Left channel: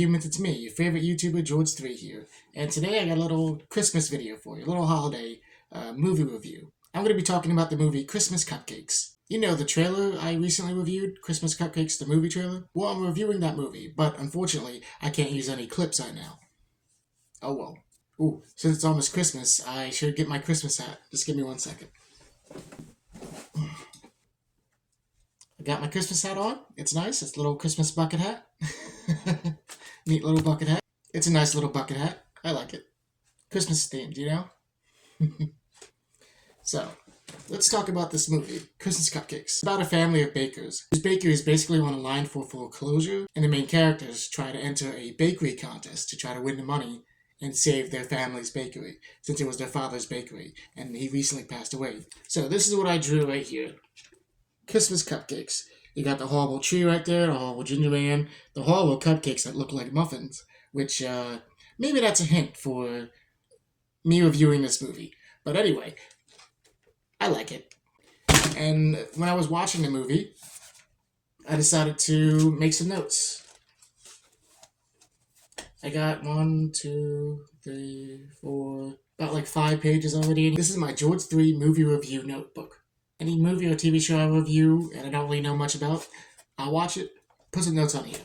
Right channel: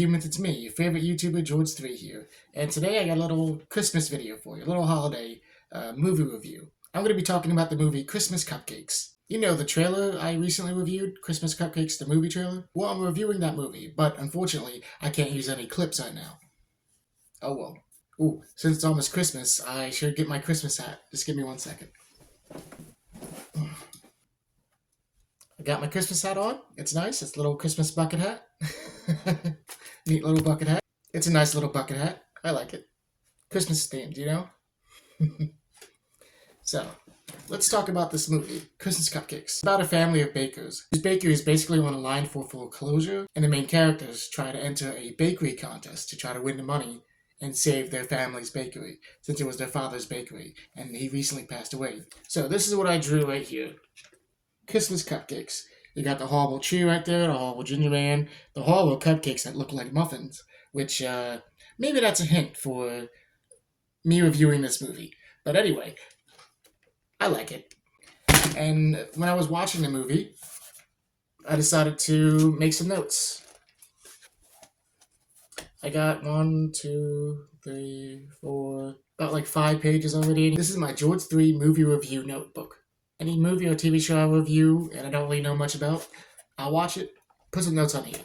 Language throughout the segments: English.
humans, it's me, your favorite YouTuber, Georg3e here. And today I got a little Christmas video for you, a little holiday movie review. I'm going to be talking about the movie Christmas Cupcakes. You know, the trailer I recently reviewed, Christmas Cupcakes, the movie trailer? Well, I'm reviewing that movie, but unfortunately, I can't use any clips right now. Oh well. Ooh, since it's almost Christmas, I should get my Christmas hat. Just give me 1 second. I got my Christmas hat on. It's nice. It's a little Christmas bucket hat. Neat little bucket hat. It's a nice little bucket hat. I like it. Christmas themed, you know? So, let's talk about this movie, Christmas Cupcakes. It's about a family of bakers, whose bakery is basically on a line for foreclosure, and the main characters try to enter a bakery contest to try to win the money and save their family's bakery, since it was their father's bakery, and he recently passed away. So this is what I drew right here. Christmas Cupcakes. You got the horrible tree right there, the horrible ginger man, the horrible cupcakes that look like muffins, which, maybe that's a hint for me reviewing this movie. But anyway, I like it. And when I was watching the movie, I decided to make some notes. I got 1, 2, 3, 4, about like 5 pages already. This is my Georg3e movie review notebook. Any movie or TV show I review and I don't really know much about, I'll watch it, put some notes on here.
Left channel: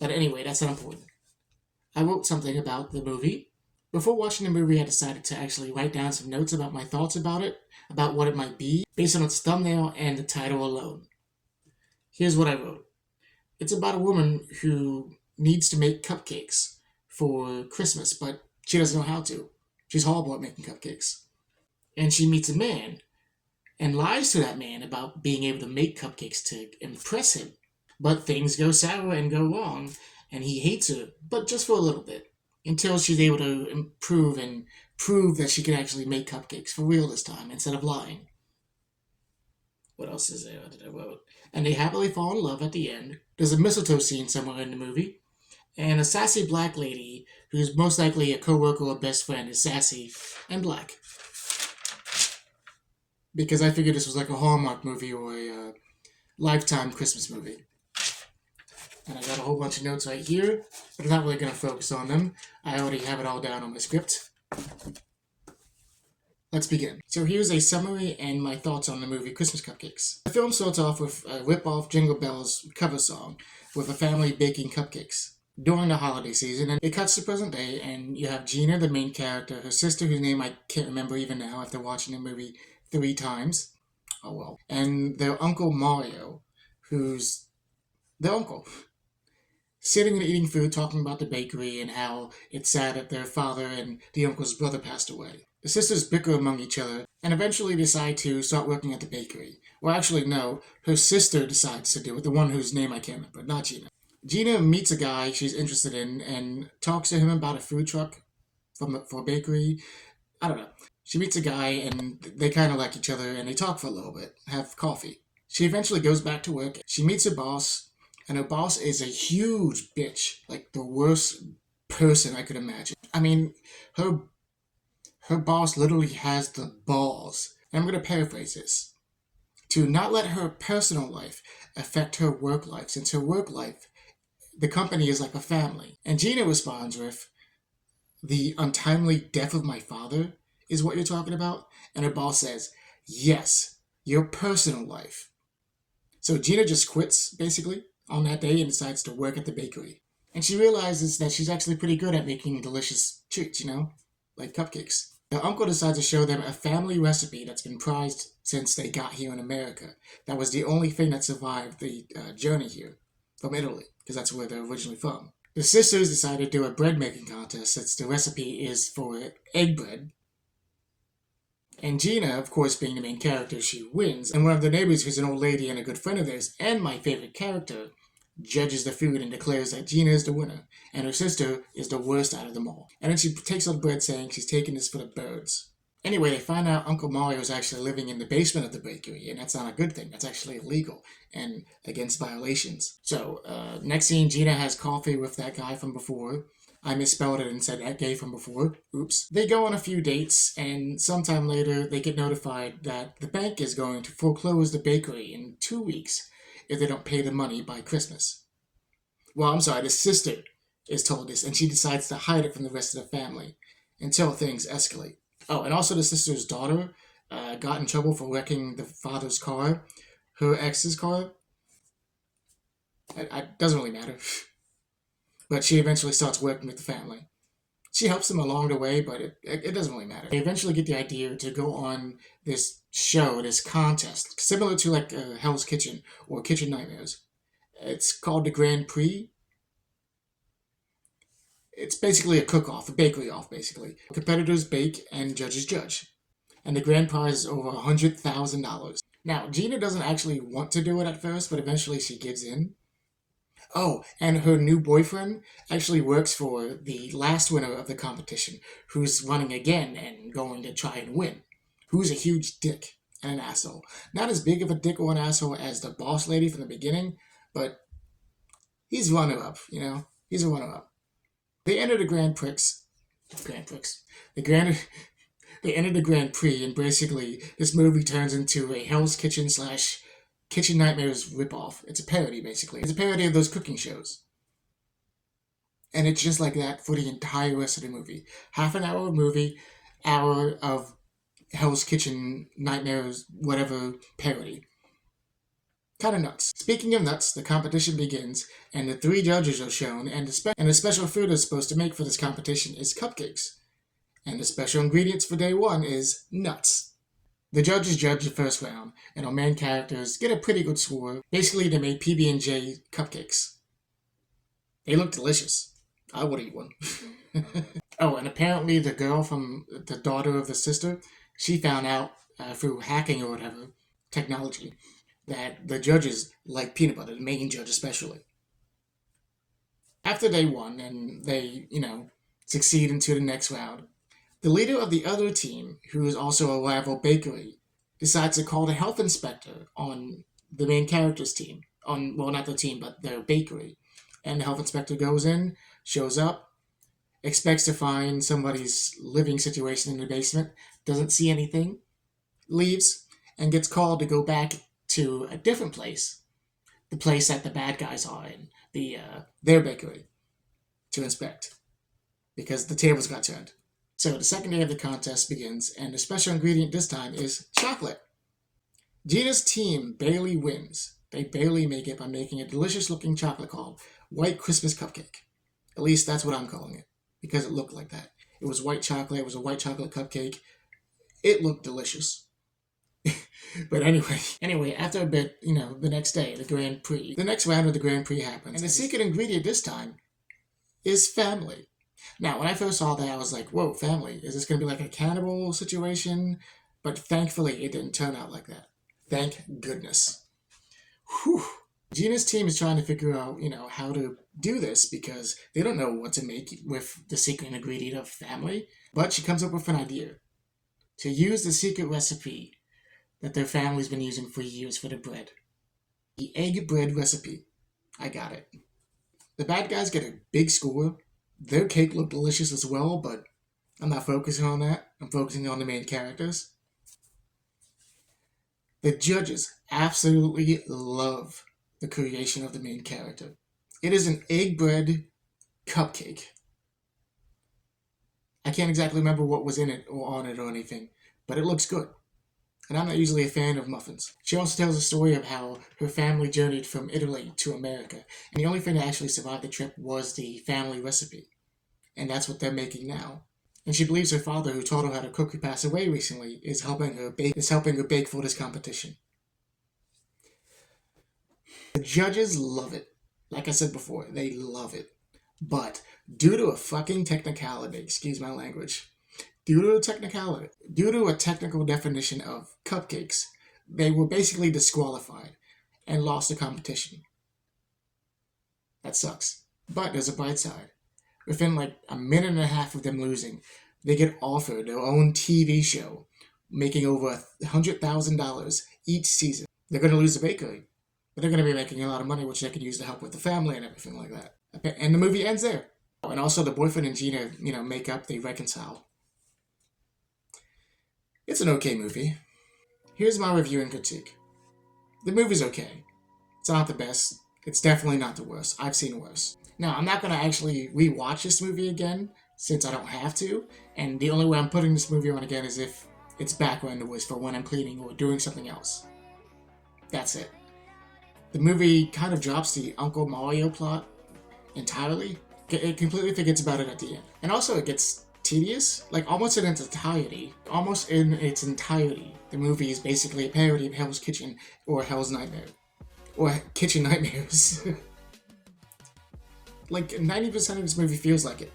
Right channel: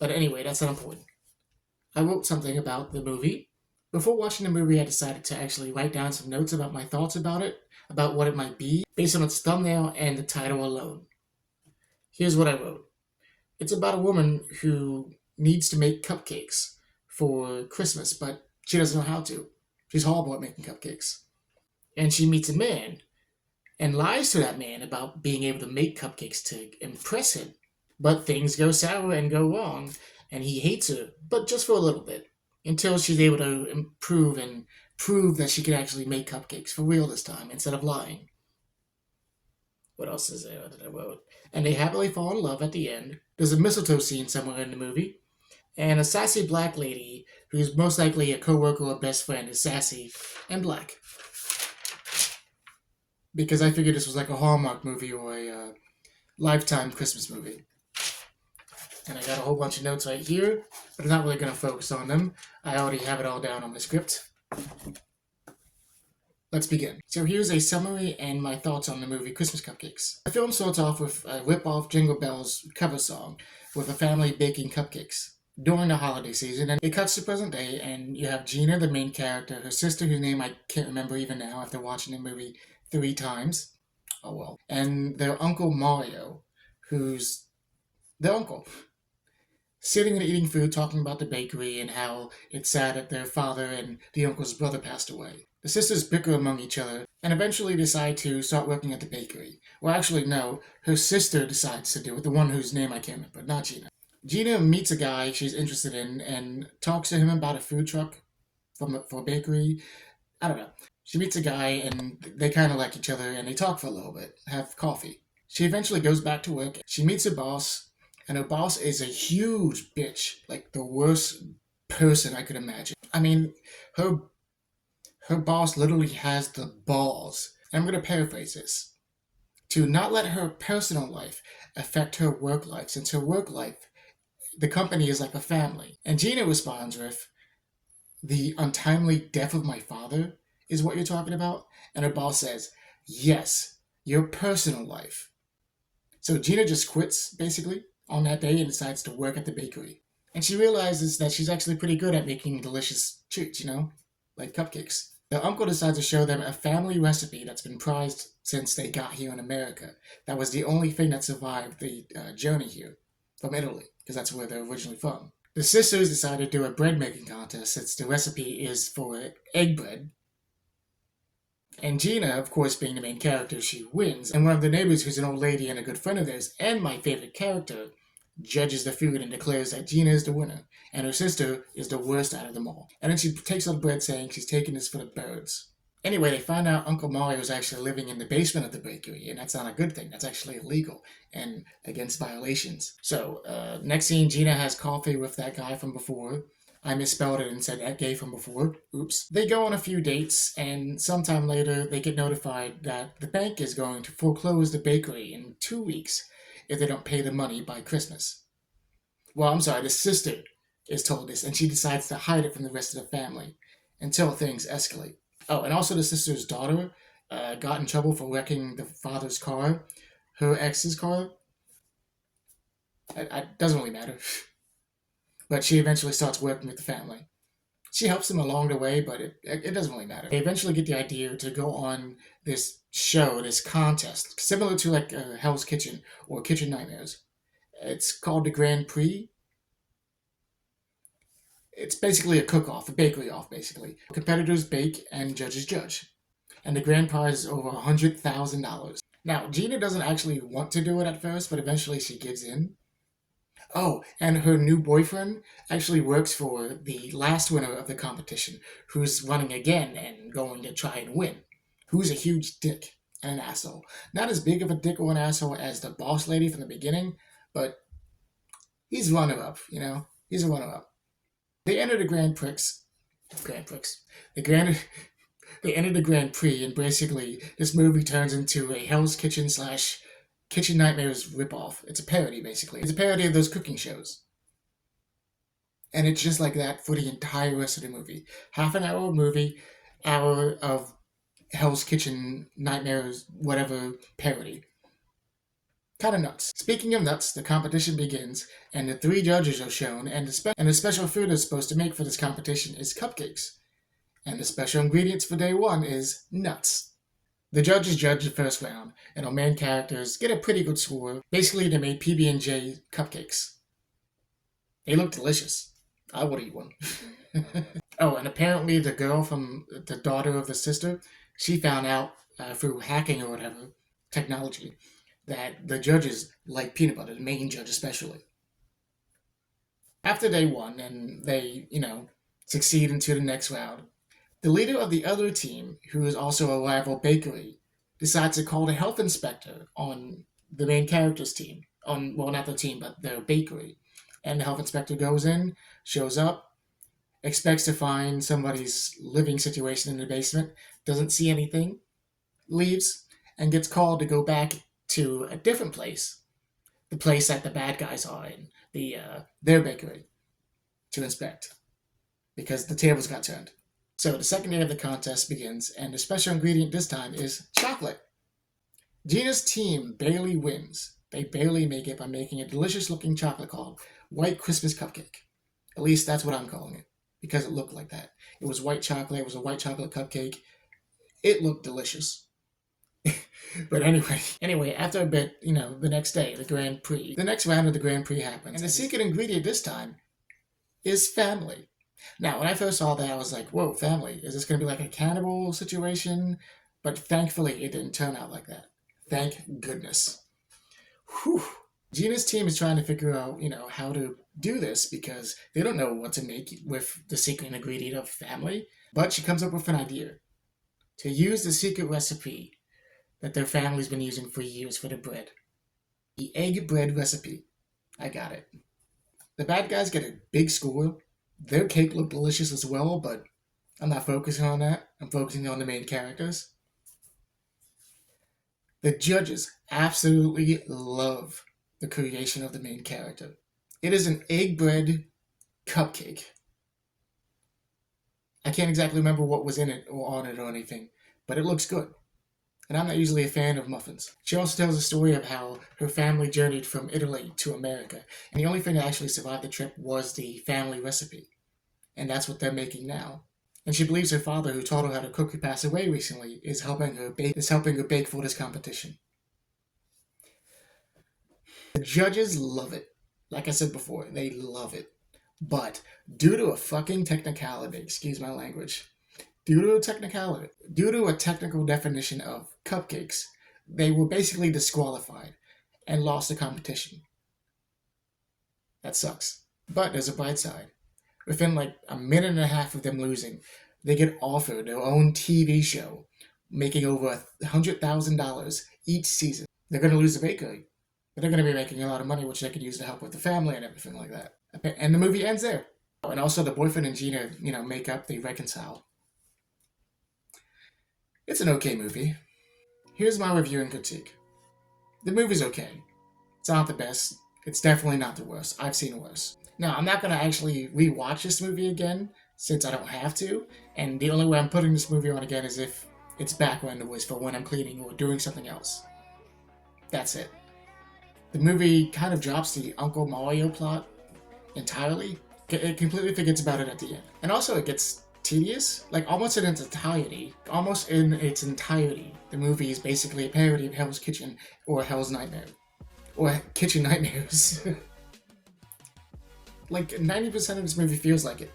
But anyway, that's not important. I wrote something about the movie. Before watching the movie, I decided to actually write down some notes about my thoughts about it, about what it might be, based on its thumbnail and the title alone. Here's what I wrote. It's about a woman who needs to make cupcakes for Christmas, but she doesn't know how to. She's horrible at making cupcakes. And she meets a man and lies to that man about being able to make cupcakes to impress him. But things go sour and go wrong, and he hates her, but just for a little bit, until she's able to improve and prove that she can actually make cupcakes for real this time, instead of lying. What else is there that I wrote? And they happily fall in love at the end. There's a mistletoe scene somewhere in the movie, and a sassy black lady, who's most likely a co-worker or best friend, is sassy and black. Because I figured this was like a Hallmark movie or a Lifetime Christmas movie. And I got a whole bunch of notes right here, but I'm not really going to focus on them. I already have it all down on the script. Let's begin. So here's a summary and my thoughts on the movie Christmas Cupcakes. The film starts off with a rip-off Jingle Bells cover song with a family baking cupcakes during the holiday season, and it cuts to present day, and you have Gina, the main character, her sister, whose name I can't remember even now after watching the movie 3 times. Oh well. And their uncle Mario, who's the uncle, sitting and eating food, talking about the bakery and how it's sad that their father and the uncle's brother passed away. The sisters bicker among each other and eventually decide to start working at the bakery. Well, actually, no. Her sister decides to do it, the one whose name I can't remember, not Gina. Gina meets a guy she's interested in and talks to him about a food truck for a bakery. I don't know. She meets a guy and they kind of like each other and they talk for a little bit, have coffee. She eventually goes back to work. She meets her boss, and her boss is a huge bitch, like the worst person I could imagine. I mean, her boss literally has the balls, and I'm going to paraphrase this, to not let her personal life affect her work life, since her work life, the company is like a family. And Gina responds with, "The untimely death of my father is what you're talking about?" And her boss says, "Yes, your personal life." So Gina just quits, basically, on that day and decides to work at the bakery. And she realizes that she's actually pretty good at making delicious treats, you know, like cupcakes. Their uncle decides to show them a family recipe that's been prized since they got here in America. That was the only thing that survived the journey here from Italy, because that's where they're originally from. The sisters decide to do a bread making contest since the recipe is for egg bread. And Gina, of course, being the main character, she wins. And one of the neighbors, who's an old lady and a good friend of theirs, and my favorite character, judges the food and declares that Gina is the winner, and her sister is the worst out of them all. And then she takes out the bread saying she's taking this for the birds. Anyway, they find out Uncle Mario is actually living in the basement of the bakery, and that's not a good thing. That's actually illegal and against violations. So, next scene, Gina has coffee with that guy from before. I misspelled it and said that gay from before. Oops. They go on a few dates, and sometime later they get notified that the bank is going to foreclose the bakery in 2 weeks if they don't pay the money by Christmas. Well, I'm sorry, the sister is told this, and she decides to hide it from the rest of the family until things escalate. Oh, and also the sister's daughter got in trouble for wrecking the father's car, her ex's car. It doesn't really matter. But she eventually starts working with the family. She helps them along the way, but it doesn't really matter. They eventually get the idea to go on this show, this contest, similar to like Hell's Kitchen or Kitchen Nightmares. It's called the Grand Prix. It's basically a cook-off, a bakery-off, basically. Competitors bake and judges judge. And the grand prize is over $100,000. Now, Gina doesn't actually want to do it at first, but eventually she gives in. Oh, and her new boyfriend actually works for the last winner of the competition, who's running again and going to try and win. Who's a huge dick and an asshole. Not as big of a dick or an asshole as the boss lady from the beginning, but he's runner-up, you know? He's a runner-up. They enter the they enter the Grand Prix, and basically this movie turns into a Hell's Kitchen slash Kitchen Nightmares ripoff. It's a parody, basically. It's a parody of those cooking shows. And it's just like that for the entire rest of the movie. Half an hour of movie, hour of Hell's Kitchen Nightmares, whatever parody. Kind of nuts. Speaking of nuts, the competition begins, and the 3 judges are shown, and the special food is supposed to make for this competition is cupcakes. And the special ingredients for day 1 is nuts. The judges judge the first round, and our main characters get a pretty good score. Basically, they made PB&J cupcakes. They look delicious. I would eat one. Oh, and apparently the girl from the daughter of the sister, she found out through hacking or whatever, technology, that the judges like peanut butter, the main judge especially. After day 1, and they, succeed into the next round, the leader of the other team, who is also a rival bakery, decides to call the health inspector on the main character's team. Well, not the team, but their bakery. And the health inspector goes in, shows up, expects to find somebody's living situation in the basement, doesn't see anything, leaves, and gets called to go back to a different place, the place that the bad guys are in, their bakery, to inspect, because the tables got turned. So the second day of the contest begins, and the special ingredient this time is chocolate. Gina's team barely wins. They barely make it by making a delicious-looking chocolate called White Christmas Cupcake. At least that's what I'm calling it, because it looked like that. It was white chocolate. It was a white chocolate cupcake. It looked delicious. But anyway, after a bit, the next day, the Grand Prix. The next round of the Grand Prix happens, and the secret ingredient this time is family. Now, when I first saw that, I was like, whoa, family. Is this going to be like a cannibal situation? But thankfully, it didn't turn out like that. Thank goodness. Whew. Gina's team is trying to figure out, how to do this because they don't know what to make with the secret ingredient of family. But she comes up with an idea to use the secret recipe that their family's been using for years for the bread. The egg bread recipe. I got it. The bad guys get a big score. Their cake looked delicious as well, but I'm not focusing on that. I'm focusing on the main characters. The judges absolutely love the creation of the main character. It is an egg bread cupcake. I can't exactly remember what was in it or on it or anything, but it looks good. And I'm not usually a fan of muffins. She also tells a story of how her family journeyed from Italy to America, and the only thing that actually survived the trip was the family recipe. And that's what they're making now. And she believes her father, who taught her how to cook, who passed away recently, is helping her bake for this competition. The judges love it. Like I said before, they love it. But due to a fucking technicality, excuse my language, due to a technical definition of cupcakes, they were basically disqualified and lost the competition. That sucks. But there's a bright side. Within like a minute and a half of them losing, they get offered their own TV show, making over $100,000 each season. They're going to lose the bakery, but they're going to be making a lot of money, which they could use to help with the family and everything like that. And the movie ends there. And also the boyfriend and Gina, make up, they reconcile. It's an okay movie. Here's my review and critique. The movie's okay. It's not the best. It's definitely not the worst. I've seen worse. Now, I'm not going to actually rewatch this movie again since I don't have to, and the only way I'm putting this movie on again is if it's background noise for when I'm cleaning or doing something else. That's it. The movie kind of drops the Uncle Mario plot entirely. It completely forgets about it at the end. And also it gets tedious, like almost in its entirety. The movie is basically a parody of Hell's Kitchen or Hell's Nightmare. Or Kitchen Nightmares. Like 90% of this movie feels like it.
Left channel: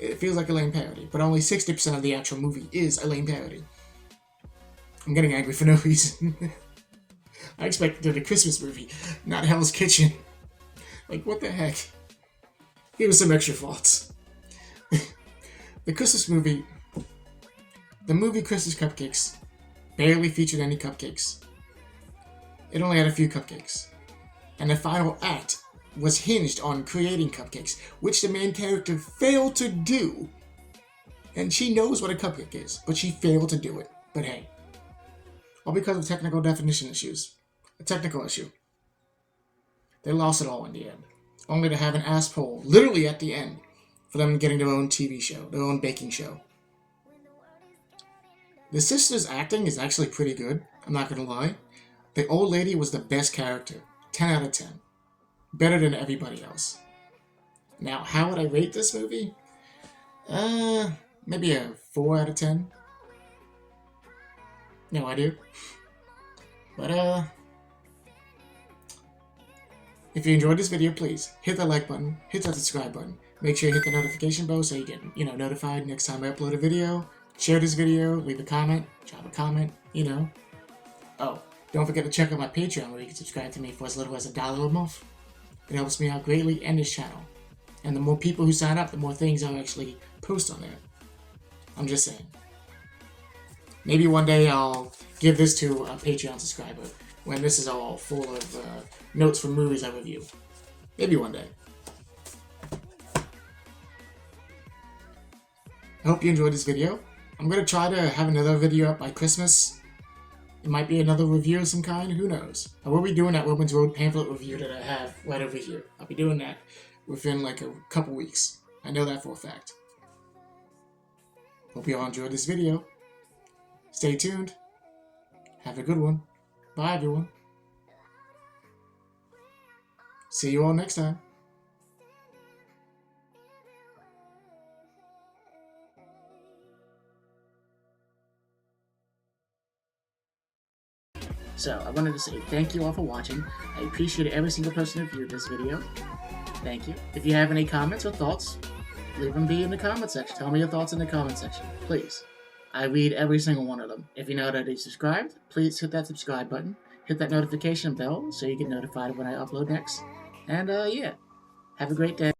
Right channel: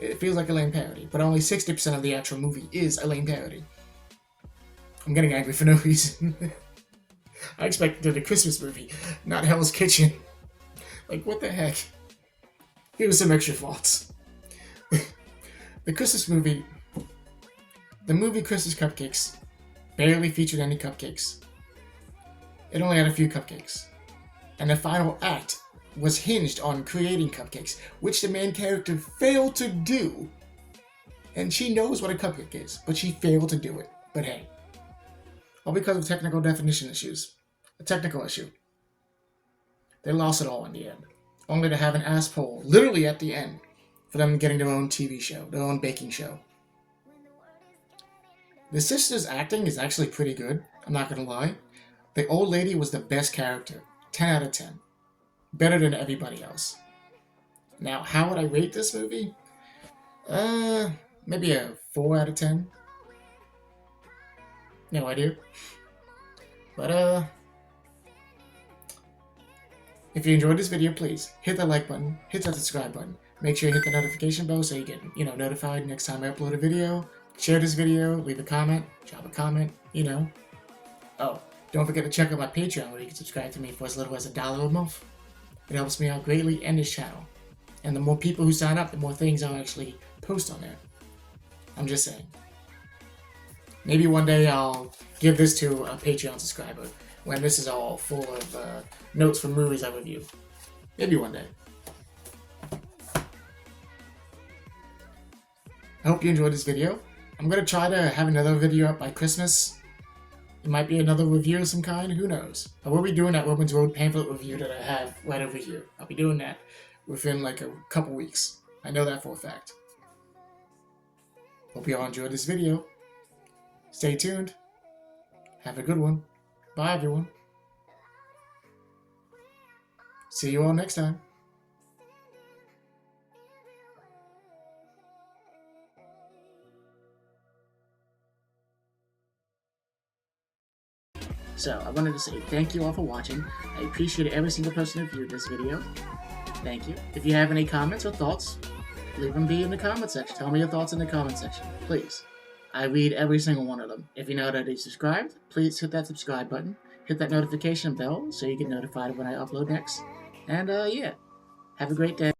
It feels like a lame parody, but only 60% of the actual movie is a lame parody. I'm getting angry for no reason. I expected a Christmas movie, not Hell's Kitchen. Like, what the heck? Here was some extra faults. The movie Christmas Cupcakes barely featured any cupcakes. It only had a few cupcakes. And the final act was hinged on creating cupcakes, which the main character failed to do. And she knows what a cupcake is, but she failed to do it. But hey, all because of technical definition issues. A technical issue. They lost it all in the end, only to have an ass poll literally at the end for them getting their own TV show, their own baking show. The sister's acting is actually pretty good, I'm not gonna lie. The old lady was the best character, 10 out of 10. Better than everybody else. Now, how would I rate this movie? Maybe a 4 out of 10. No idea. But, if you enjoyed this video, please hit that like button, hit that subscribe button. Make sure you hit the notification bell so you get, notified next time I upload a video. Share this video, leave a comment, drop a comment, Oh, don't forget to check out my Patreon where you can subscribe to me for as little as $1 a month. It helps me out greatly and this channel. And the more people who sign up, the more things I'll actually post on there. I'm just saying. Maybe one day I'll give this to a Patreon subscriber when this is all full of notes from movies I review. Maybe one day. I hope you enjoyed this video. I'm going to try to have another video up by Christmas. It might be another review of some kind, who knows. I will be doing that Romans Road pamphlet review that I have right over here. I'll be doing that within like a couple weeks. I know that for a fact. Hope you all enjoyed this video. Stay tuned. Have a good one. Bye everyone. See you all next time. So, I wanted to say thank you all for watching. I appreciate every single person who viewed this video. Thank you. If you have any comments or thoughts, leave them be in the comment section. Tell me your thoughts in the comment section, please. I read every single one of them. If you're not already subscribed, please hit that subscribe button. Hit that notification bell so you get notified when I upload next. And, yeah. Have a great day.